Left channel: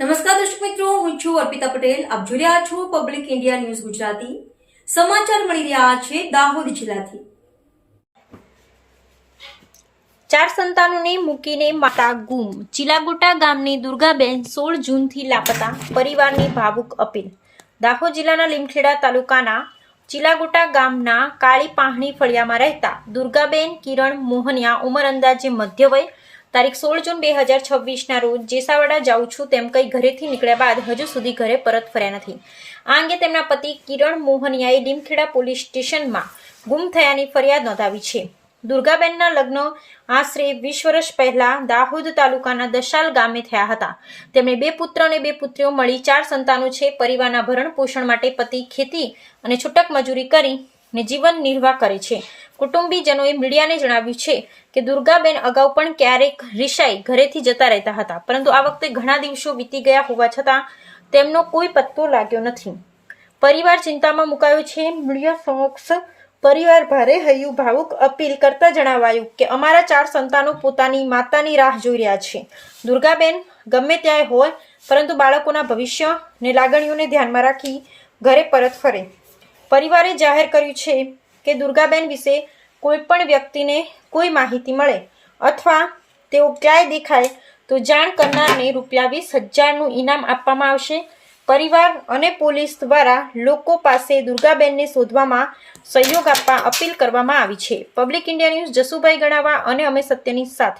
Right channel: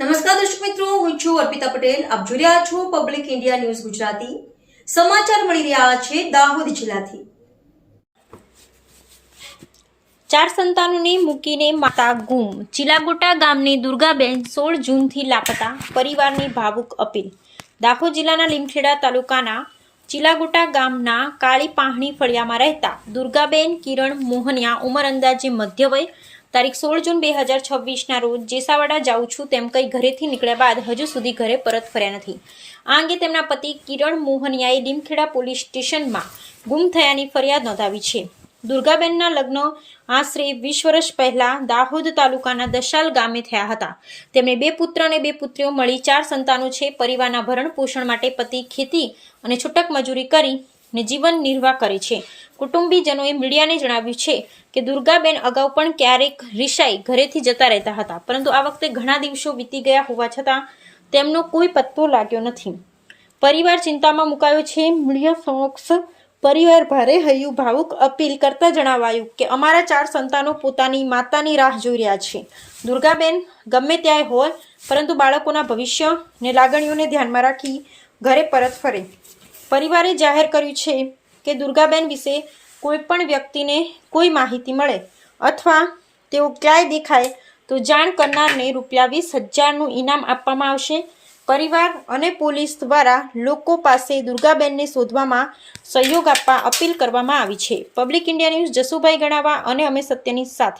નમસ્કાર દર્શક મિત્રો, હું છું અર્પિતા પટેલ. આપ જોઈ રહ્યા છો પબ્લિક ઇન્ડિયા ન્યૂઝ ગુજરાતી. સમાચાર મળી રહ્યા છે દાહોદ જિલ્લાથી. 4 સંતાનોને મૂકીને માતા ગુમ. ચિલાગોટા ગામની દુર્ગાબેન 16 જૂનથી લાપતા, પરિવારની ભાવુક અપીલ. દાહોદ જિલ્લાના લીમખેડા તાલુકાના ચિલાગોટા ગામના કાળી પાહણી ફળિયામાં રહેતા દુર્ગાબેન કિરણ મોહનિયા, ઉંમર અંદાજે મધ્ય વય, તારીખ 16 જૂન 2026ના રોજ જેસાવાડા જાઉં છું તેમ કઈ ઘરેથી નીકળ્યા બાદ હજુ સુધી ઘરે પરત ફર્યા નથી. આ અંગે તેમના પતિ કિરણ મોહનિયાએ લીમખેડા પોલીસ સ્ટેશનમાં ગુમ થયાની ફરિયાદ નોંધાવી છે. દુર્ગાબેનના લગ્ન આશરે 20 વર્ષ પહેલા દાહોદ તાલુકાના દશાલ ગામે થયા હતા. તેમને 2 પુત્ર અને 2 પુત્રીઓ મળી 4 સંતાનો છે. પરિવારના ભરણ પોષણ માટે પતિ ખેતી અને છૂટક મજૂરી કરીને જીવન નિર્વાહ કરે છે. કુટુંબીજનોએ મીડિયાને જણાવ્યું છે કે દુર્ગાબેન અગાઉ પણ ક્યારેક રિસાઈ ઘરેથી જતા રહેતા હતા, પરંતુ આ વખતે ઘણા દિવસો વીતી ગયા હોવા છતાં તેમનો કોઈ પત્તો લાગ્યો નથી. પરિવાર ચિંતામાં મુકાયો છે. મીડિયા સમક્ષ પરિવાર ભારે હૈયું ભાવુક અપીલ કરતા જણાવાયું કે અમારા 4 સંતાનો પોતાની માતાની રાહ જોઈ રહ્યા છે. દુર્ગાબેન ગમે ત્યાં હોય, પરંતુ બાળકોના ભવિષ્ય અને લાગણીઓને ધ્યાનમાં રાખી ઘરે પરત ફરે. પરિવારે જાહેર કર્યું છે કે દુર્ગાબેન વિશે કોઈ પણ વ્યક્તિને કોઈ માહિતી મળે અથવા તેઓ ક્યાંય દેખાય તો જાણ કરનારને ₹20,000નું ઇનામ આપવામાં આવશે. પરિવાર અને પોલીસ દ્વારા લોકો પાસે દુર્ગાબેનને શોધવામાં સહયોગ આપવા અપીલ કરવામાં આવી છે. પબ્લિક ઇન્ડિયા ન્યૂઝ જસુભાઈ ગણાવા અને અમે સત્યની સાથે.